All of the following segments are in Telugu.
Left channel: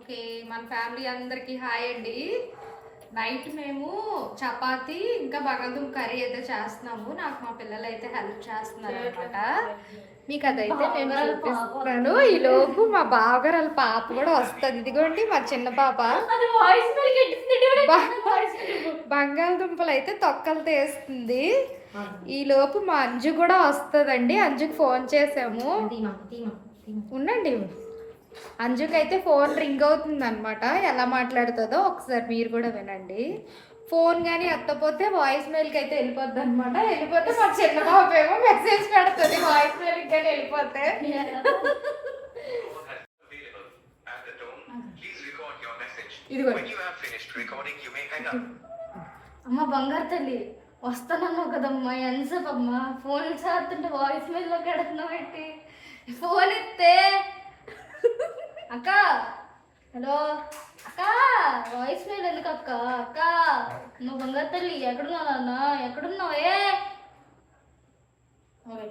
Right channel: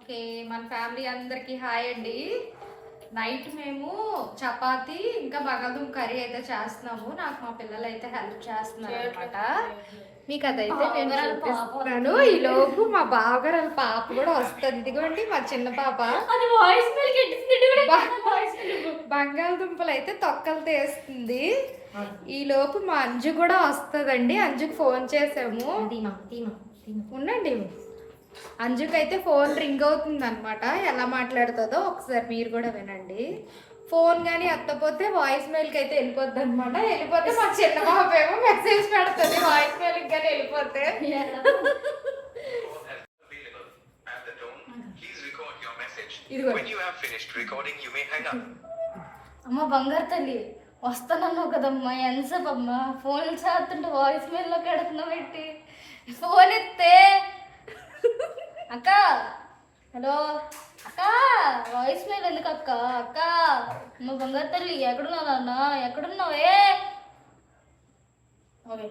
ఓకే మన ఫ్యామిలీ అందరికి హాయ్ అండి. నైట్ మేము చపాతి ఇంకా బంగాళదుంప కర్రీ అయితే చేస్తున్నాము. నాకు మా పిల్లలు అయితే హెల్ప్ చేస్తున్నారు అనమాట మీకు అదైతే నేను చూపిస్తున్నాను. ఈ లోపు మా బావగారు పాప కూడా వస్తుంది. ఇదిగోండి మా చిన్న పాప. బంగాళదుంపలు అయితే తొక్కలు తీస్తుంది. ఈ లోపు మా అంజు కూడా వస్తుందండి. అంజుకి ఫోన్ చేసాము. ఉండండి. అంజుకైతే ఫోన్ రింగ్ అవుతుంది అనమాట ఎలా మాట్లాడుతుందో ఒకసారి మీరు కూడా వినండి. ఫోన్ కానీ అత్తపోతే వాయిస్ మెయిల్కి అయితే వెళ్ళిపోద్ది అనమాట వెళ్ళిపోతే మా చిన్న ఏమో మెసేజ్ పెడుతుంది. వాయిస్ మెయిల్కి కానీ వెళ్ళిపోతే. ఇదిగో. అమ్మ బంగారు తల్లి వస్తానన్నావు కదమ్మా ఎంతసేపు అమ్మా? ఫోన్ చేస్తుంటే వాయిస్ మెయిల్లో పెడుతున్నావు పెట్టి ఫోన్ ఇస్తే అక్క హలో అక్క వాయిస్ మెయిల్ ఎందుకు అక్క అక్క. నువ్వు బంగారు తల్లి ఎక్కడున్నావు నాన్న? ఎక్కడున్నావే? ఓకే.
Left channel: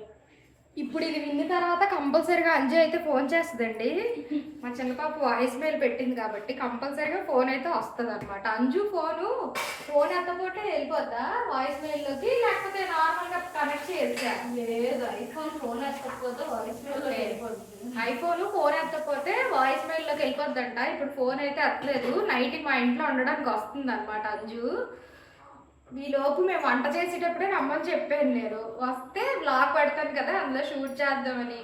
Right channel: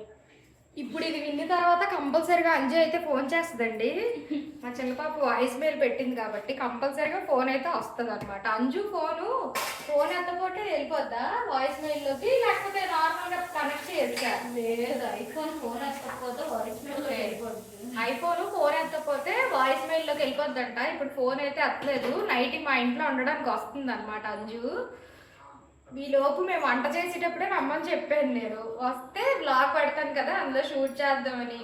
ఇప్పుడు ఇది విన్న తర్వాత కంపల్సరీగా అంజు అయితే ఫోన్ చేస్తుందండి. మా చిన్న పాప వాయిస్ మెయిల్ పెట్టింది కాబట్టి కంపల్సరీగా ఫోన్ అయితే వస్తుంది అనమాట అంజు ఫోను ఫోన్ ఎత్తపోతే వెళ్ళిపోద్దా వాయిస్ మెయిల్లోకి? లేకపోతే నార్మల్గా కనెక్ట్ చేసా లేదు ఐఫోన్ ఫోన్ ఎత్తకపోతే వాయిస్ వెళ్ళిపోతుంది ఐఫోన్ ఫోన్ ఎత్తపోతే వాయిస్ మెయిల్లోకి వెళ్ళిపోద్దంట. ఇప్పుడు ఫోన్ అయితే ఎత్తలేదు. నైట్ మా ఇంట్లో ఉండడానికి వస్తుంది అనమాట అంజు. లోపు మేము వంట చేసేటప్పుడే రమ్మని చెప్పాను నేను. వస్తే బ్లాగ్ పెడతాను కదా అందులో షూట్ చేద్దామని.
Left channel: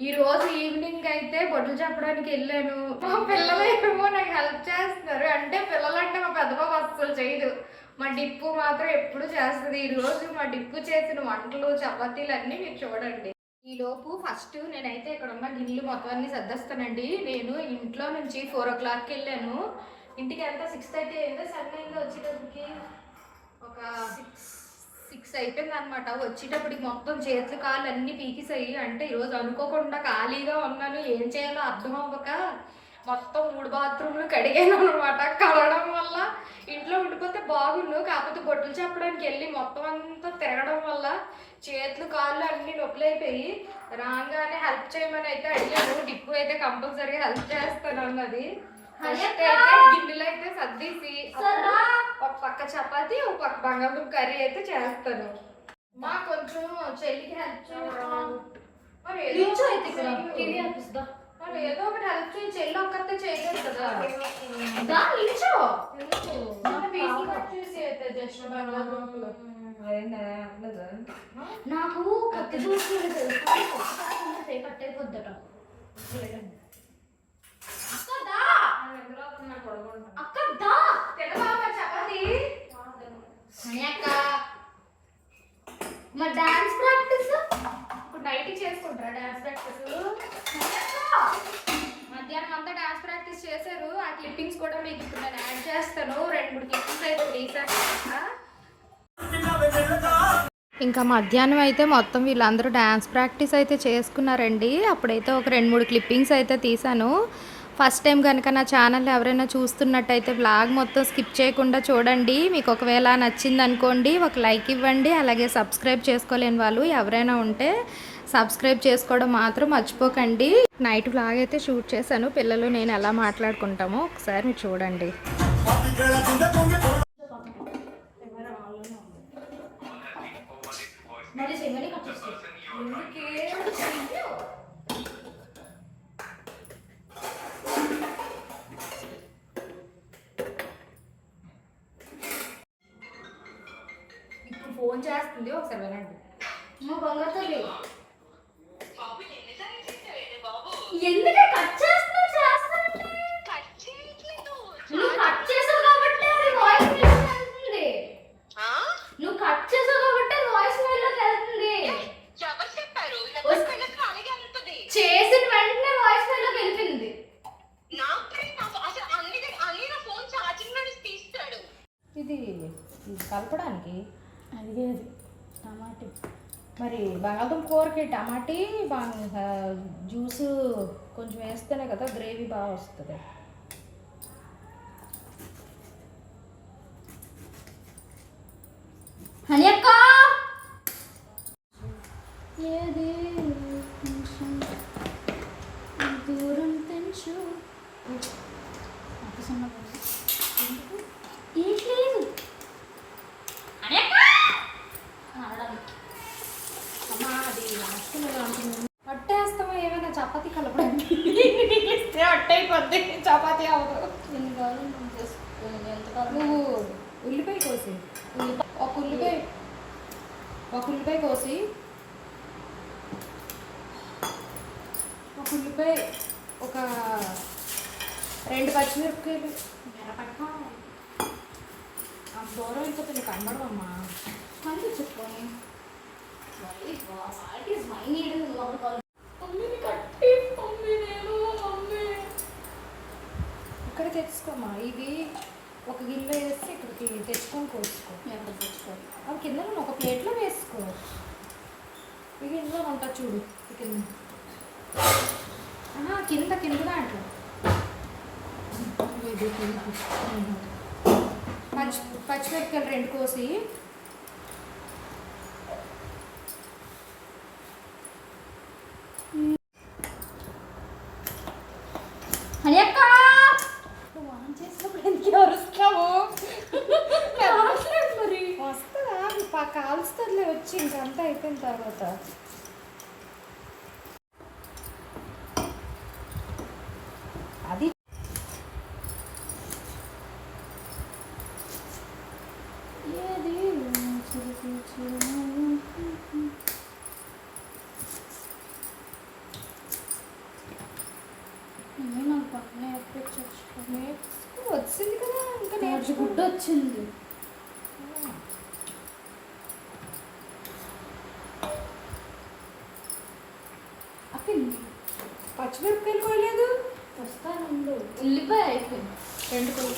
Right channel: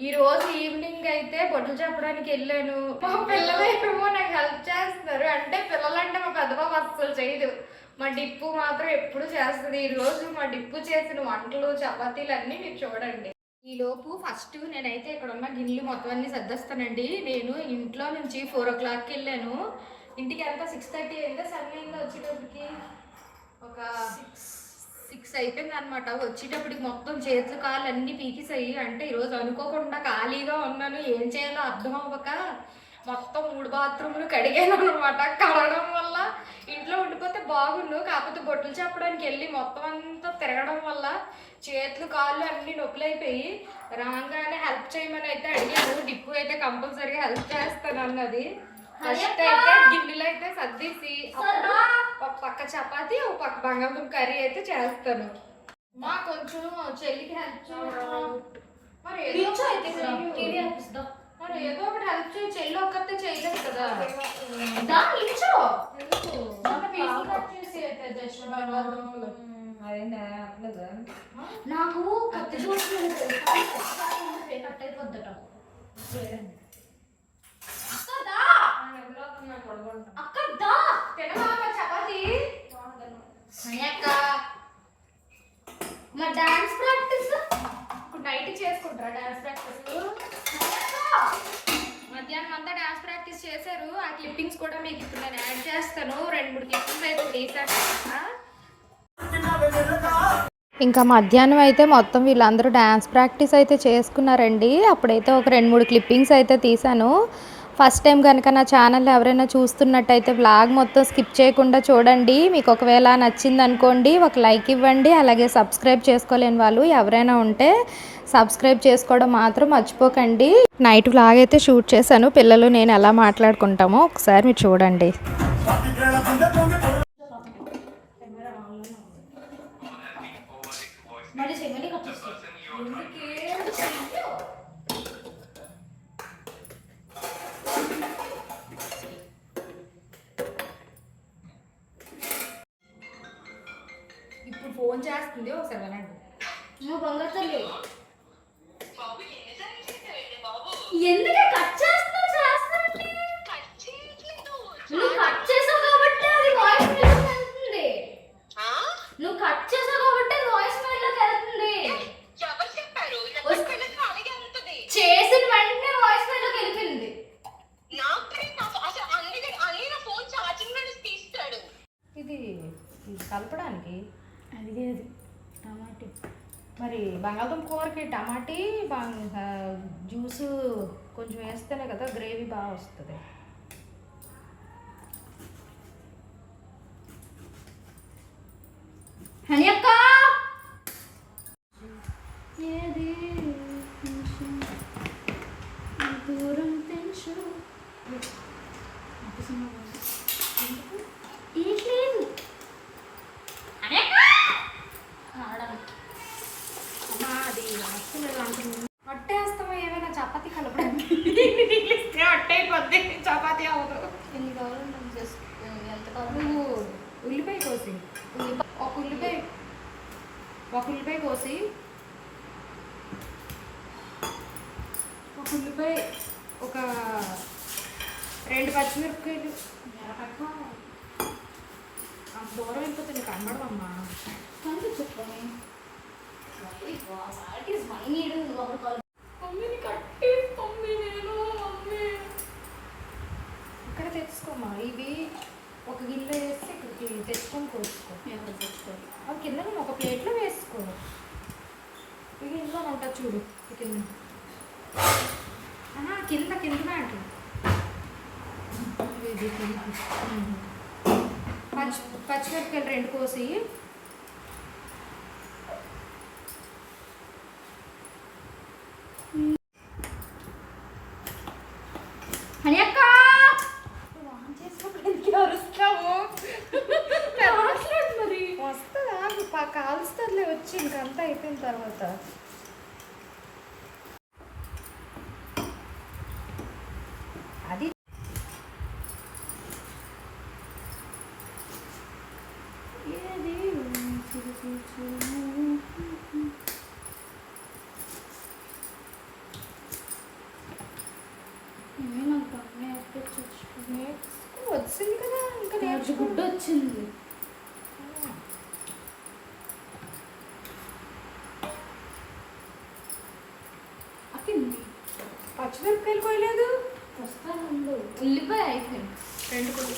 ఈ రోజు ఈవినింగ్ అయితే బొడ్లు చెప్పడానికి వెళ్ళాను. మా పిల్లలు ఏమో నాకు హెల్ప్ చేస్తున్నారు. అంటే పిల్లలంటే మా పెద్ద అస్సలు చేయదు. మా డిప్పు మాత్రం ఎప్పుడు చేస్తుంది. ఈ రోజు మా డిప్పు చేసిన వంటలు చపాతీలు అన్నీ మీరు చూడండి. ఈ లోపు ఫస్ట్ నేనైతే ఇక్కడ ఉన్న గిన్నెలు మొత్తం అన్ని సర్దేస్తానండి. నేను ఇంట్లో నుంచి ఫోర్ ఓ క్లాక్కి వెళ్ళాను. ఇంటికి ఎంత సిక్స్ థర్టీ అయిందో? సెవెన్ అయిందో? వచ్చేటప్పటికి? ఒక సిక్స్ అయిపోయింది అనమాట వచ్చేటప్పటికి మొత్తం చేతులు కాళ్ళు అన్నీ పీకిసాయి. అంటే ఈరోజు అనుకోకుండా ఖాళీగా ఉన్నాను. ఏం చేయాలో అర్థం అవ్వక మొత్తం మూడు బాత్రూమ్లు కడిగాను అనమాట కడగడం వల్ల ఇంట్లో ఉండిపోతే బాగుండు. కాకపోతే బొట్టులు చెప్పడానికి వెళ్ళి మొత్తం అంతా తిరగడం వల్ల చేతులు కాళ్ళు అన్ని నొప్పులైపోయి రాగానే హెల్ప్ చేయమని అయితే అడిగాను డిప్పు అయితే కంపల్సరీగా హెల్ప్ చేస్తాను అన్నది ఫస్ట్ అయితే గిన్నెలు అయితే సర్దేసి అప్పుడు ఒక పక్క చపాతి ఒక పక్క బంగాళదుంప కర్రీ అయితే చేస్తాను. మా కొంచెం చెల్లికి హెల్ప్ మరి ఏదో మరి ఏదో ఒకటి హెల్ప్ చేయి. చెల్లి ఒక్కతే చేయలేదు కదా. దా నిల్చో. జస్ట్ బంగాళదుంపలు. నాకు కొత్త కట్ అయిపోద్దట. దా. అక్క దా తినబాబా చపాతి. అక్క మా డాన్స్ ప్రాక్టీస్ ఇప్పుడు నైట్ చేసుకుంటారా డాన్స్ ప్రాక్టీస్ మధ్యాహ్నం అంతా డాన్స్ ప్రాక్టీస్ చేశారు. ఆ క్లిప్పింగ్స్ కూడా మీకు ఇప్పుడు నేను యాడ్ చేస్తాను. రెండు మూడు క్లిప్పింగ్స్ అయితే తీసాను ఇంకా మధ్యాహ్నం అయితే మొత్తం వీళ్ళందరూ డ్యాన్స్ ప్రాక్టీస్ అయితే చేసుకున్నారండి. అప్పుడైతే ఒక రెండు మూడు క్లిప్పింగ్స్ అయితే తీసాను ఫస్ట్ టైం కనుక నా ఛానల్ ఎవరైనా చూస్తున్నట్టయితే బ్లాగ్ మొత్తం స్కిప్ చేయకుండా చూడండి. మీకు ఒకవేళ నచ్చింది అనుకోండి ఒక లైక్ ఇవ్వండి అలాగే సబ్స్క్రైబ్ చేసుకోలేని వాళ్ళు ఎవరైనా ఉంటే సబ్స్క్రైబ్ చేసుకోవడం మాత్రం మర్చిపోకండి. నైట్ బ్లాగ్ అయితే షూట్ చేశాను. పిల్లలు నేను ఎలా మాట్లాడుకుంటామో ఒకసారి మీరు చూడండి. ఫోన్ చేస్తుంది ఒకసారి వినండి. నువ్వు బంగారు తల్లి. ఎందుకే కట్ చేస్తున్నావు? post です。నడవమ్మా మళ్ళీ చెప్పాను ఇక్కడ తెచ్చుకోమ్మా. ఇవి ఒక గిన్నె వేసి ఇక్కడికి తెచ్చుకొని కోసుకో. తెచ్చుకో అవి కింద ఒక ప్లేట్లో వేసుకో. ఇక ఇందులో ఉంటుంది చూడు కింద. కింద కింద దాంట్లో ఇది కింద. పచ్చిమిరపకాయలు రెండు కోసి మనిషి గుడ్డ వచ్చింది. అప్పింది పచ్చిమిరపకాయలు పోయలేదు? వస్తాను ఉల్లిపాయ అయిపోయింది. రెండు కూడా.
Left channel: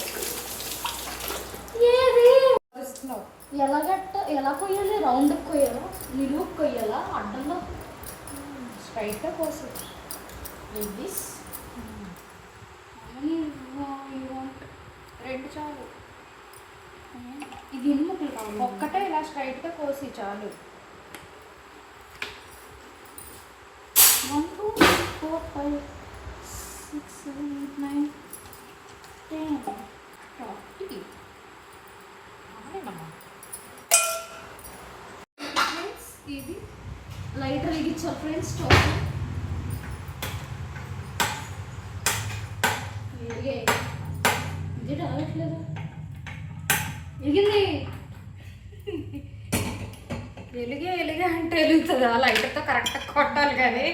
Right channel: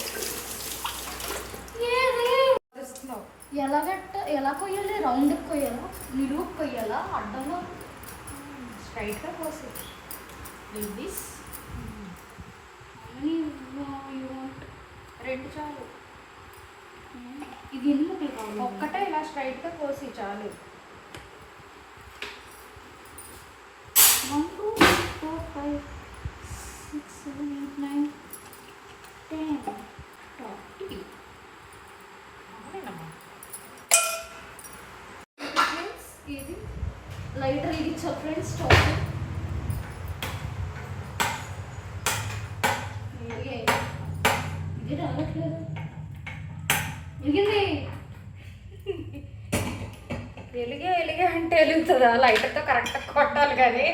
ఇది. లైటర్ ఇచ్చా ఫ్రెండ్స్ స్టవ్ ఇది రావట్లేదు. ఎలిగింది వెలిగే వెలిగే అంటే వెలుగుతుందా. లైటర్తో కరెక్ట్గా కొట్టాలి కానీ.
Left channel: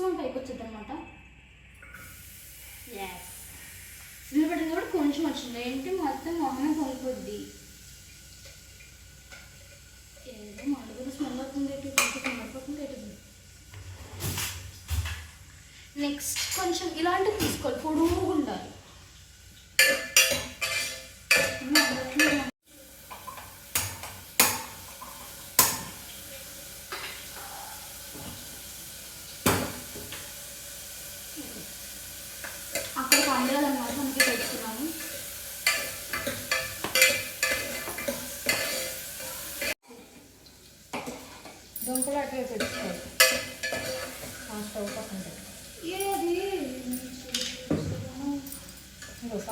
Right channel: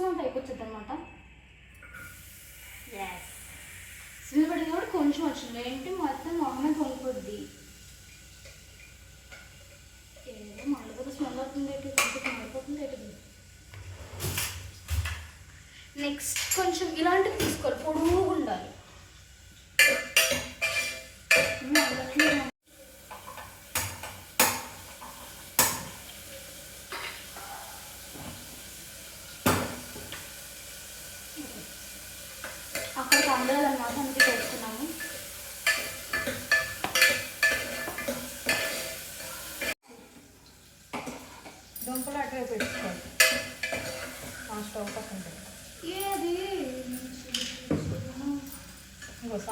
మొత్తం పైకి వచ్చింది అనమాట సిల్లు కూడా కొంచెం వచ్చింది. ఏంటి? మొత్తం మొహమే పొంగిపోద్ది ఏదో మండపతి స్మెల్ అవుతుంది ఎటు మండిపోతుంది ఎటు నెక్స్ట్ కొంచెం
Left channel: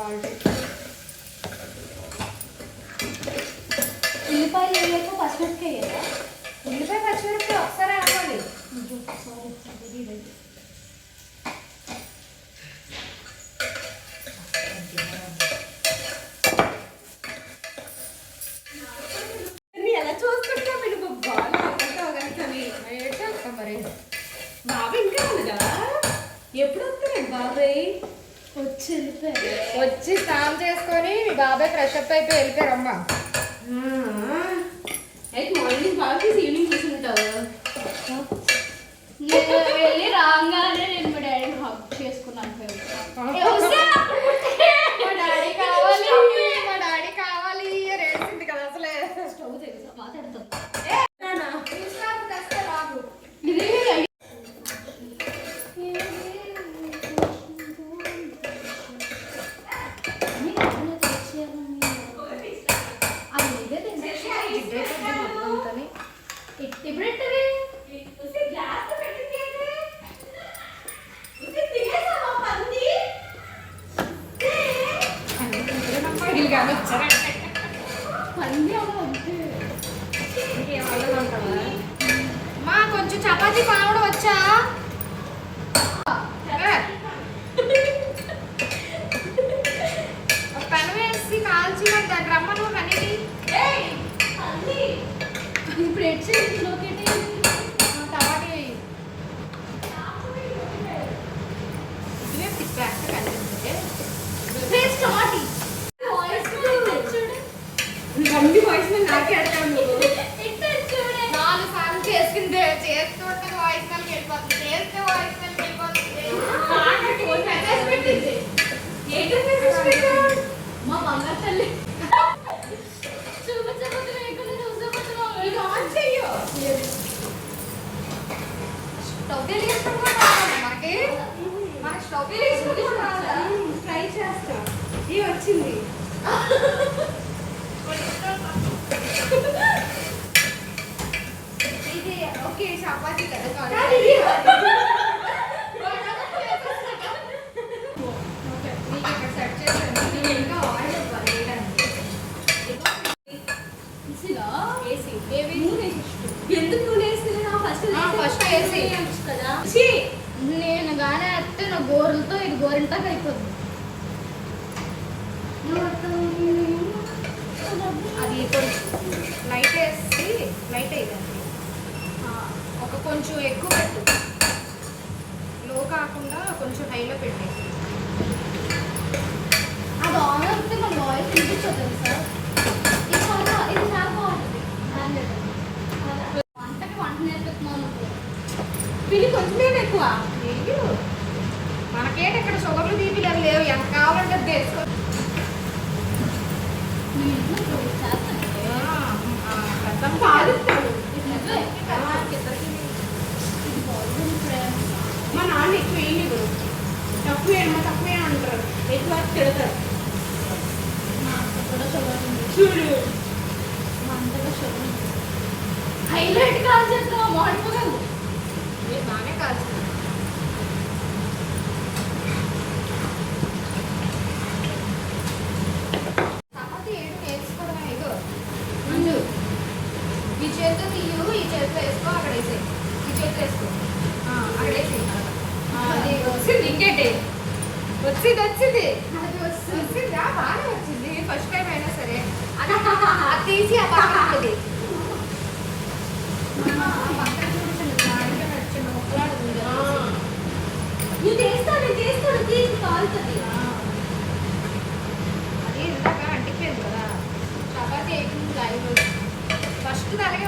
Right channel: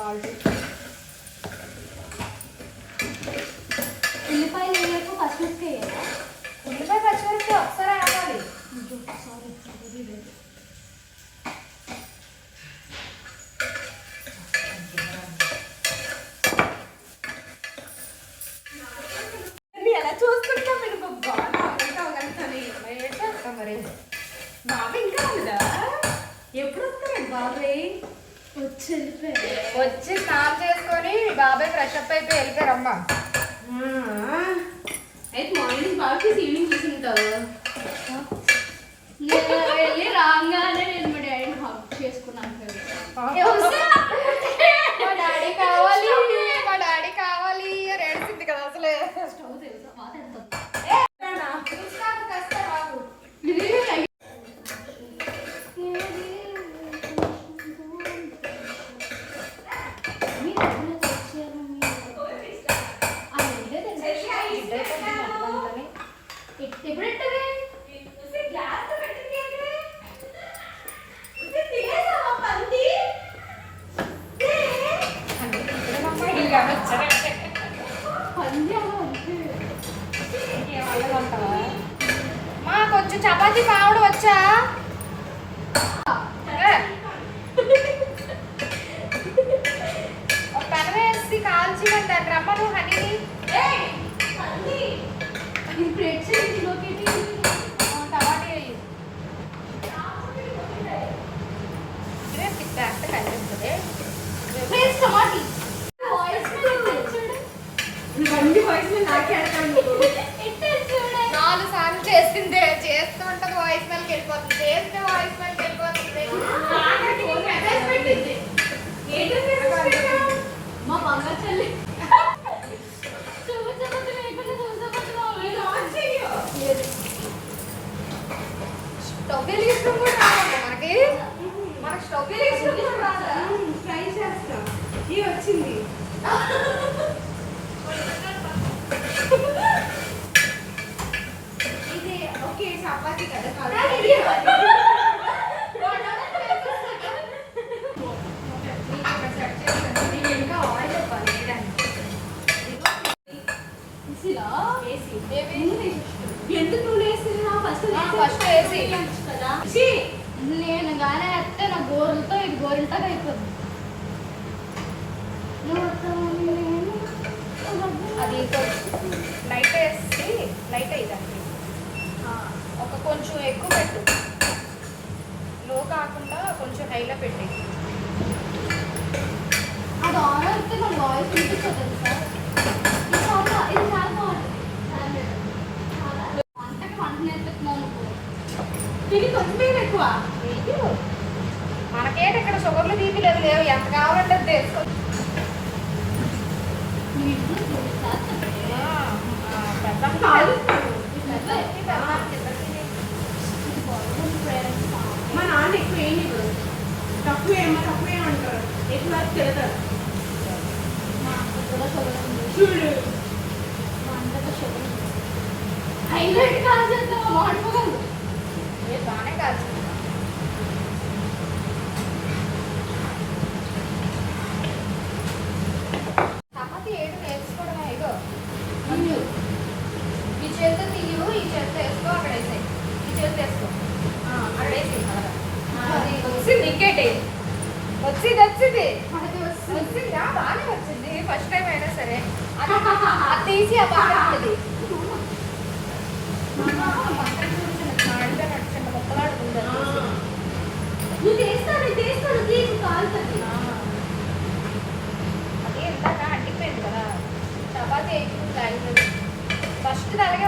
సాల్ట్ ఉల్లిపాయలు వేయలేక పచ్చిమిరపకాయ ఉల్లిపాయ పచ్చిమిరపకాయ ఒకసారి రావాలి సారీ একটা ఎందుకు నువ్వు వేసినా? ఫస్ట్ ఫస్ట్ వేసి. కదా? నేను గానే అంటే నా గోరులతో ఇది గోరింటాగా అయిపోతుంది అది కొంచెం లైట్ వేసి లైట్ అయ్యాలి ఒక కొంచెం ఎక్కువ పెట్టు. లో కాకుండా కొంచెం హైలో పెట్టేసి అది ఆన్ అయితే నా వాయిస్ వినిపించదు సార్ దాన్ని ఎక్కువ వేయనివ్వరు తక్కువే అమ్మ తక్కువే అంటారు ఎక్కువ తిడతారు. చూడు. హైలైట్ కాల్చేస్తావు వాడిపోగలదు బాగానే కాల్చేస్తాను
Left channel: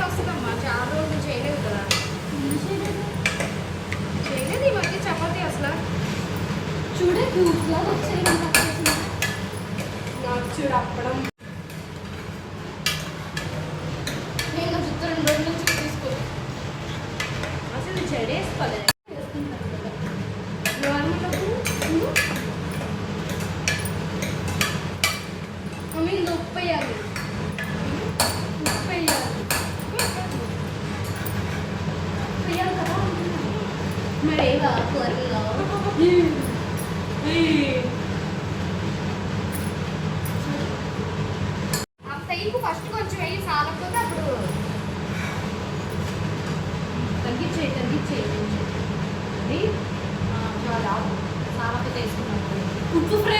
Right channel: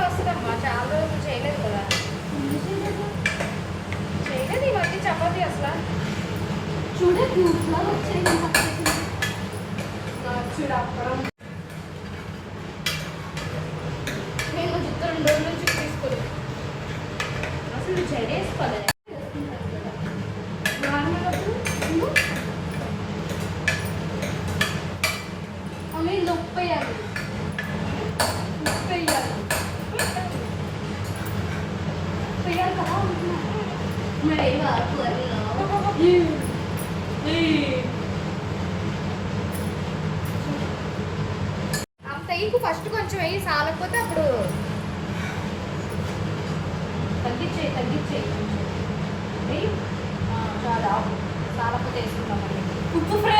వస్తుందమ్మా చాలా రోజులు చేయలేదు కదా. వచ్చాయి అనేది చేయించండి అది దాదాపు సావక తీసుకున్నాం ఉప్పు ఫ్రై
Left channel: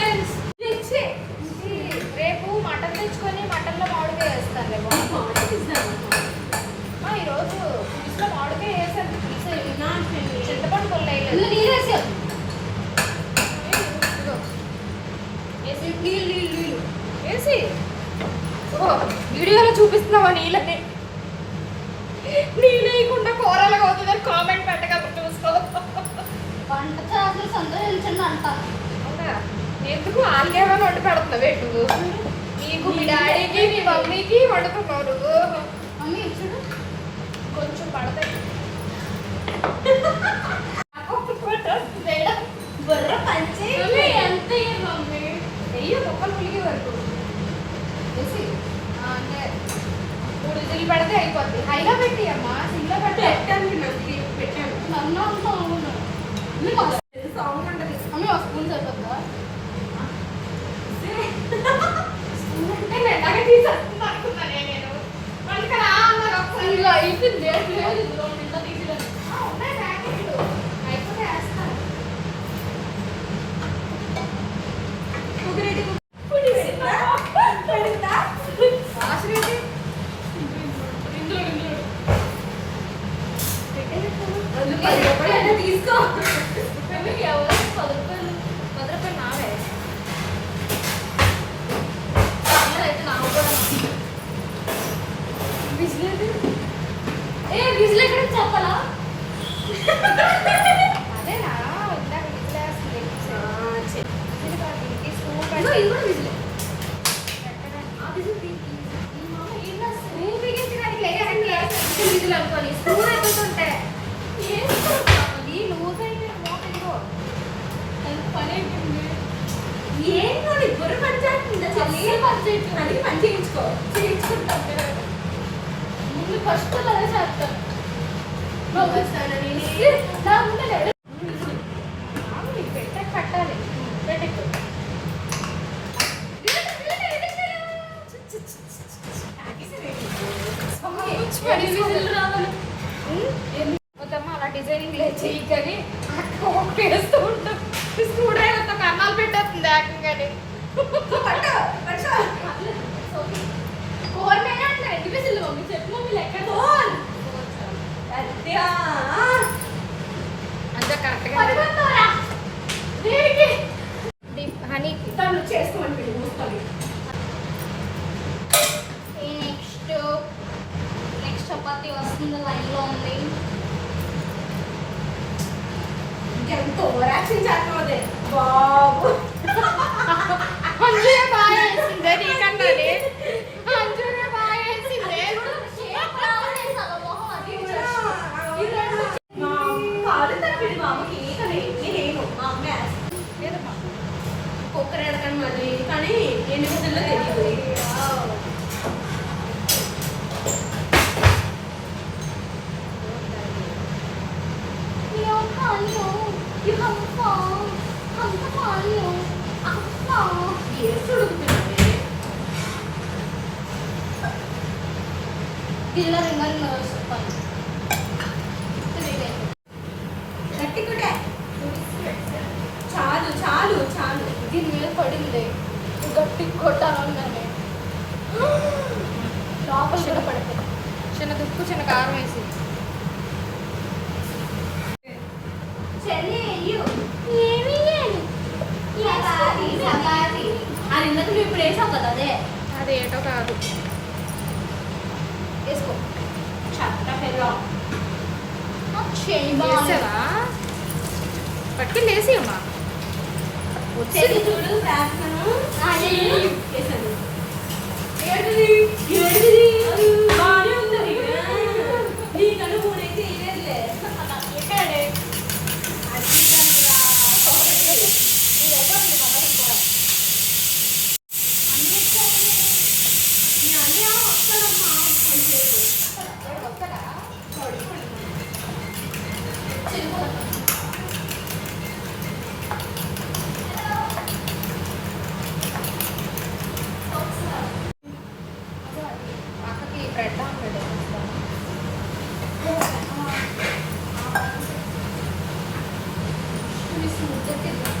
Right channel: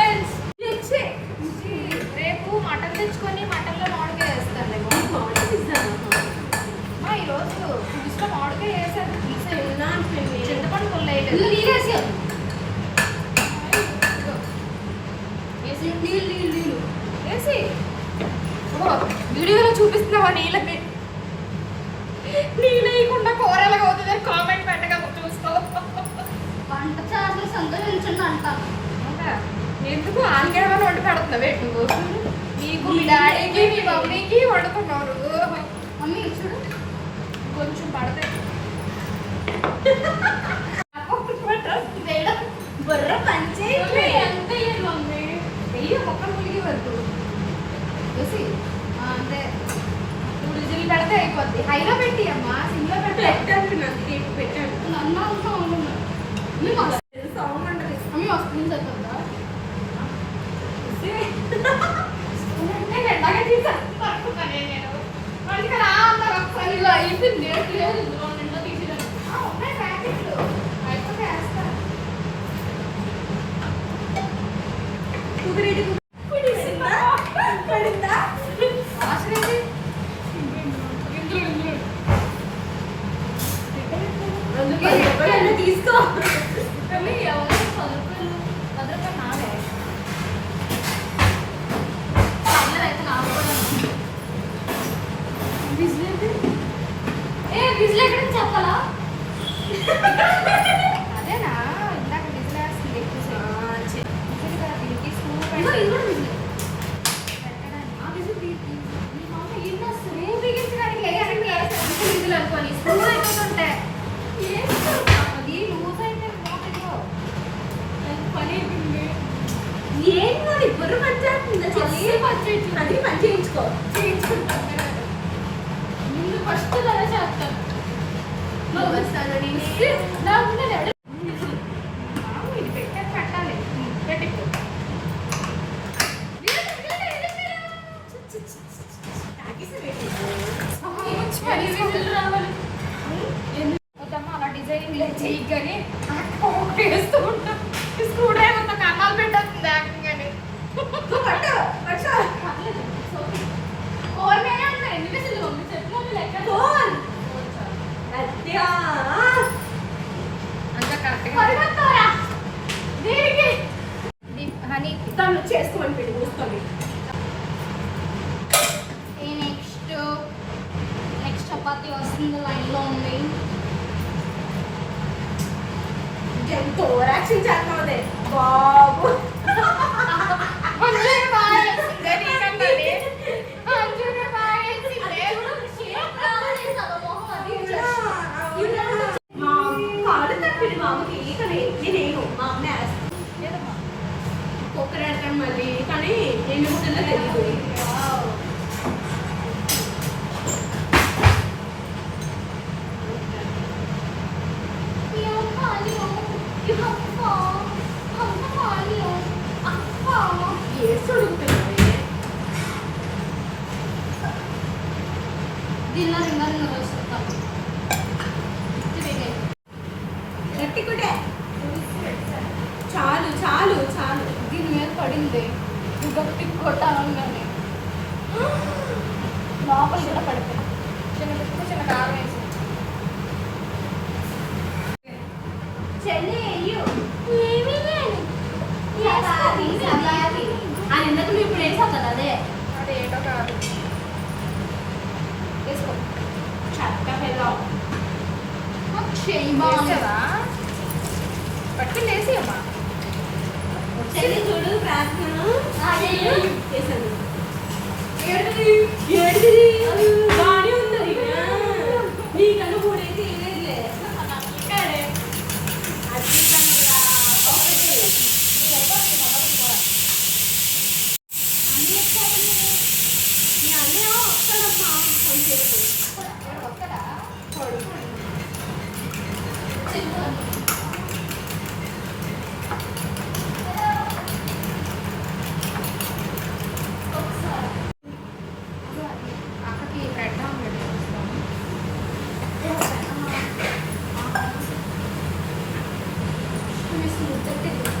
కార్యక్రమం అది. కానీ తెలియదు పట్టుకుని లేసి అమ్మా చూడు ప్రార్థన Thank you.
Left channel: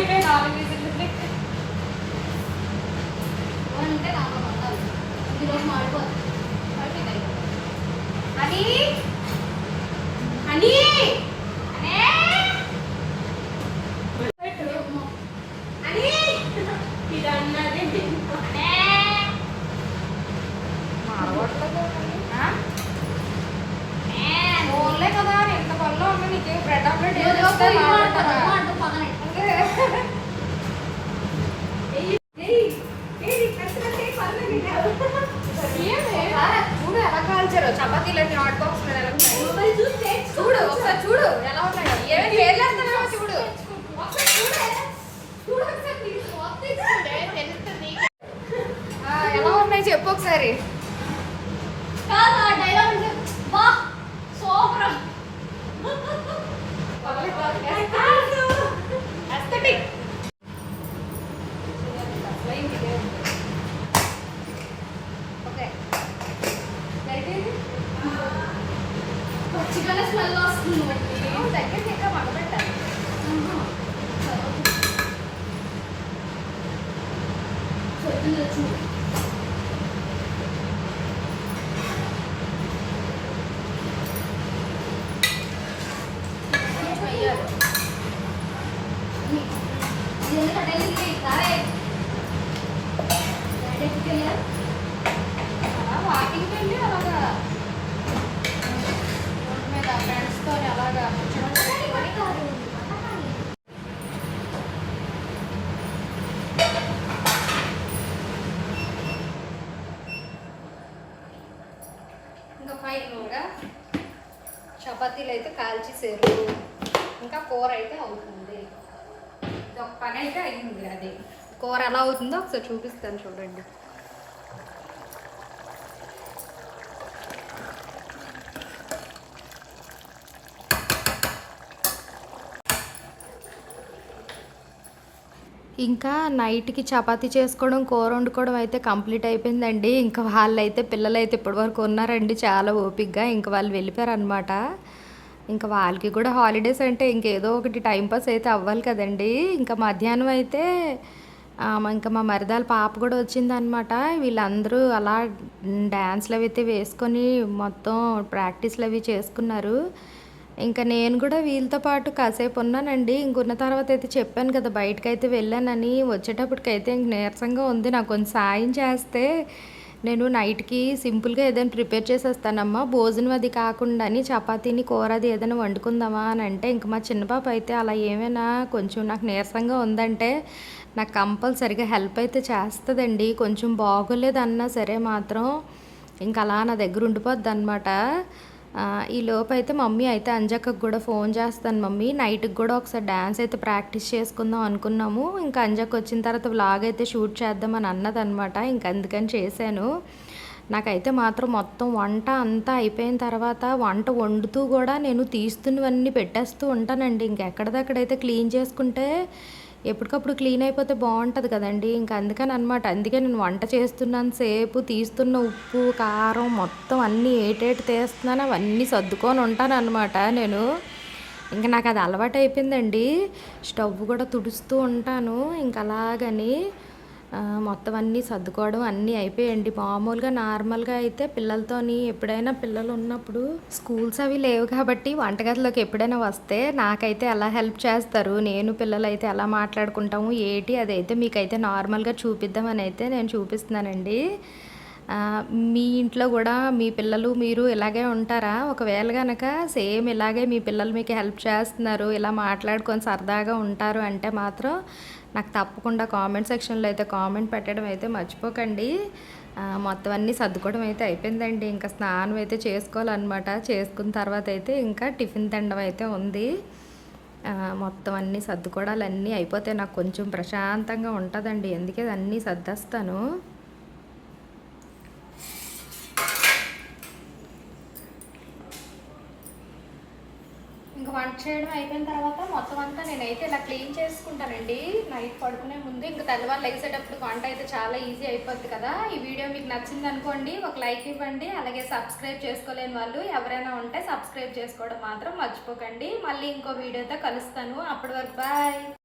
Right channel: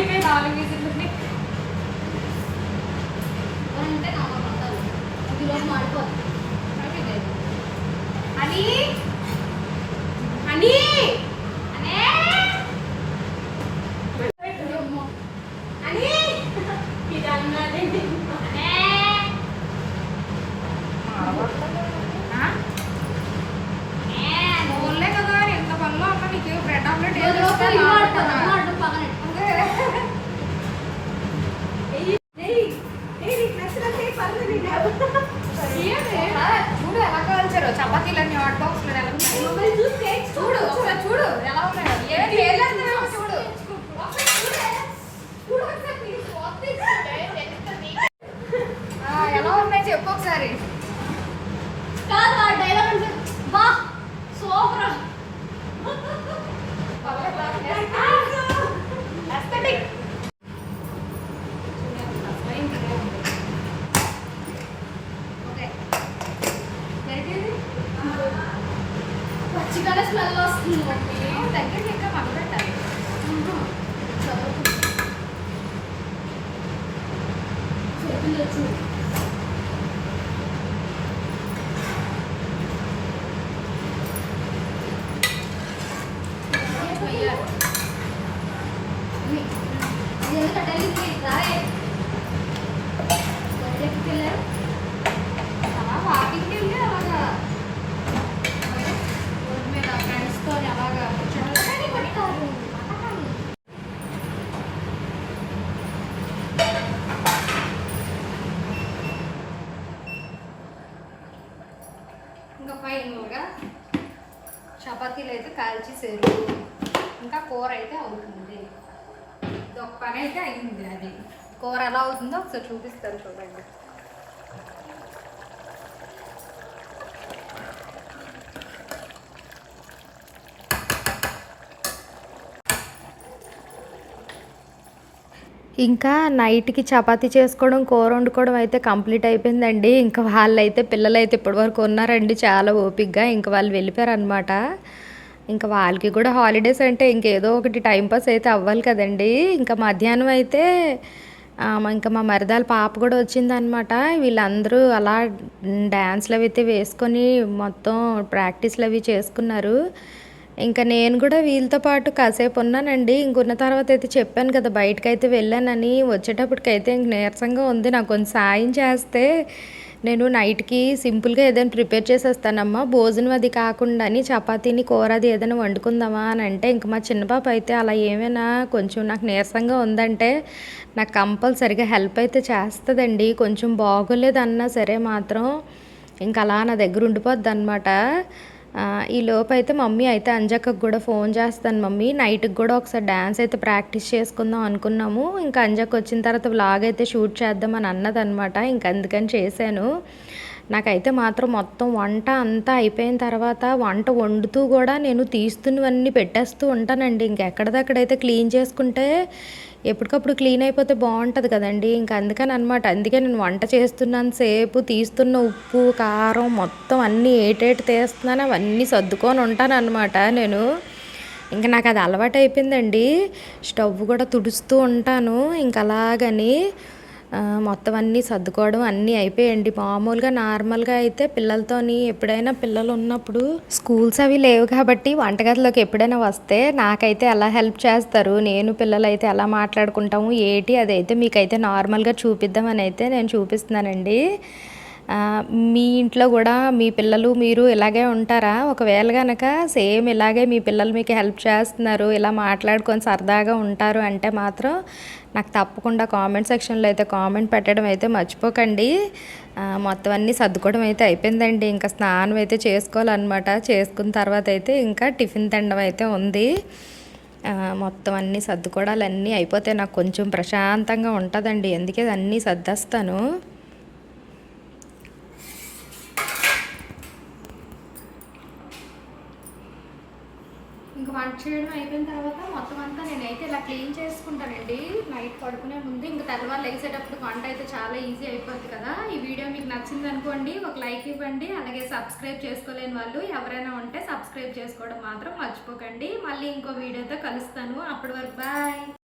liberdade చపాతీలు అయితే కాల్చేసారు ఇంకా కూర అయితే అవుతుంది. ఒక పని అయితే అయింది అది. కూర ఎలా అవుతుందో ఒకసారి చూపిస్తాను చూడండి. ఇంకా నైట్కి చపాతీ చేసుకోవడం కూర వండుకోవడం అయితే కంప్లీట్ అయిపోయిందండి. ఇంకా వాళ్ళైతే పిల్లలైతే ఇప్పటివరకు ఉన్నారండి. చాలా ఓపిక్గా ఇంకా వాళ్ళు వెళ్ళిపోయారనమాట ఇంకా వాళ్ళకి కూడా హాలిడేస్ అంటే ఇంకేదో ఒకటి టైంపాస్ అయితే అవ్వాలి కదండి. ఇంకా మధ్యాహ్నం అయితే ఇంకా మా మరిదాల పాప కూడా వచ్చిందనమాట వీళ్ళందరూ అలా డ్యాన్స్లు అవి అయితే వేసుకొని మొత్తం ప్రాక్టీస్లు అవి చేసుకున్నారు. ఇంకా నేను కూడా వీళ్ళతో పాటు కాసేపు ఉన్నానండి. ఇంకున్న తర్వాత అయితే చెప్పాను కదా బయటకైతే అయితే వెళ్ళానని. వచ్చేటప్పటికైతే ఇంక నీరసంగా ఉంది. నాకు కొంచెం సాయం చేస్తే నేను నైట్కి సింపుల్గా ఏదైనా ప్రిపేర్ చేసేస్తానమ్మా. భోజనం అది కాకుండా అని చపాతీని కూర అది ఏదైనా వండుకుందామా అని అంటే ఇంక మా చిన్న పాప అయితే అలా ఏమైనా కొంచెం నాకు నీరసంగా ఉందంటే నాకు కంపల్సరిగా హెల్ప్ అయితే చేస్తుందండి. కొంచెం బాగోలేదన్నా సరే మాత్రం ఇంకా అలా నా దగ్గర ఉండిపోద్ది అనమాట ఈ లోపు అయితే మమ్మీ అయితే అంజక్కకు కూడా ఫోన్ చేస్తాను మమ్మీ. నైట్కి కూడా ఒకసారి డ్యాన్స్ అయితే ప్రాక్టీస్ చేసుకుందాం అనుకున్నాము. ఇంకా అంజక్ వచ్చిన తర్వాత వ్లాగ్ అయితే షూట్ చేద్దామని అన్నదనమాట. ఇంక అందుకని చేశాను. నాకైతే మాత్రం మొత్తం వంట అంతా అయిపోయిన తర్వాత వంట వండుతూ కూడా నేను తీస్తున్నవన్నీ పెట్టేస్తూ ఉంటానండి. ఇంకెక్కడిదక్కడైతే క్లీన్ చేసుకుంటే ఎప్పటికప్పుడు క్లీన్ అయిపోతే బాగుంటుంది కదండి. ఇంకా అందుకని అనమాట అందుకే నేను వంట చేస్తున్నాను సేపు తీస్తున్న ఉప్పు కారం మొత్తం అన్నీ ఏటేటి తీస్తున్నాను అవన్నీ సర్దుకొని ఉంటాను అనమాట నేను. ఇంకా నాకు అది అలవాటు అయిపోయిందండి. స్టవ్ కూడా తుడుస్తూ ఉంటాను. ఇంకా అలాగని మొత్తం అన్నీ సర్దుకోవడం అన్నీ అయిపోయాయండి. మామూలుగా నార్మల్గా అయితే పిల్లలతోని ఎప్పుడైనా పిల్లలు ఉన్నప్పుడు స్కూల్స్ అవి లేవు కాబట్టి వంటగదిలోకి ఎప్పుడైనా వస్తే నాకైతే ఎలా హెల్ప్ చేస్తారు? నేను పిల్లలు అయితే ఎలా మాట్లాడుకుంటాము? ఏటి? అదైతే మీకైతే నార్మల్గా చూపిద్దామని అయితే నేను చూపిస్తున్నానండి. మీ ఇంట్లో కూడా మీ పిల్లలు మీరు ఇలాగే ఉంటారా? ఒకవేళ కనుక సేమ్ ఇలాగే మీ పిల్లలు మీకు హెల్ప్ చేస్తున్నారు ఇలా మాట్లాడుకొని సరదాగా ఉంటారు అంటే మాత్రం నాకు తప్పకుండా కామెంట్ సెక్షన్లో అయితే కామెంట్ పెట్టడం అయితే మర్చిపోకండి. మొత్తం అన్నీ సర్దుకోవడం అయితే అయిపోయిందండి. ఇంకా స్నానం అయితే చేసుకోవాలన్నమాట. చేసుకున్న తర్వాత అయితే ఇంకా టిఫిన్ తినడం అయితే ఉంది. మొత్తం అన్నీ సర్దుకోవడాలన్నీ అయిపోతే నాకు కొంచెం ప్రశాంతంగా ఉంటుందండి. అందుకే అన్నీ సర్దేస్తాను. ఇంకా వంట చేయడం అయిపోయిన తర్వాత మొత్తం అంతా నేనైతే ఇలా క్లీన్ చేసుకుంటానండి. నైట్ పడుకునే ముందు ఇంకా తెల్లవారు లేసేటప్పుడు వంట అయితే చాలా ఈజీ అయిపోద్ది కదా. ఈ వీడియో మీకు నచ్చింది అనుకోండి ఒక లైక్ ఇవ్వండి అలాగే సబ్స్క్రైబ్ చేసుకోలేని వాళ్ళు ఎవరైనా ఉంటే సబ్స్క్రైబ్ చేసుకోవడం మాత్రం మర్చిపోకండి. మళ్ళీ ఇంకో వీడియోతో కలుస్తాను. అప్పటి వరకు బాయ్.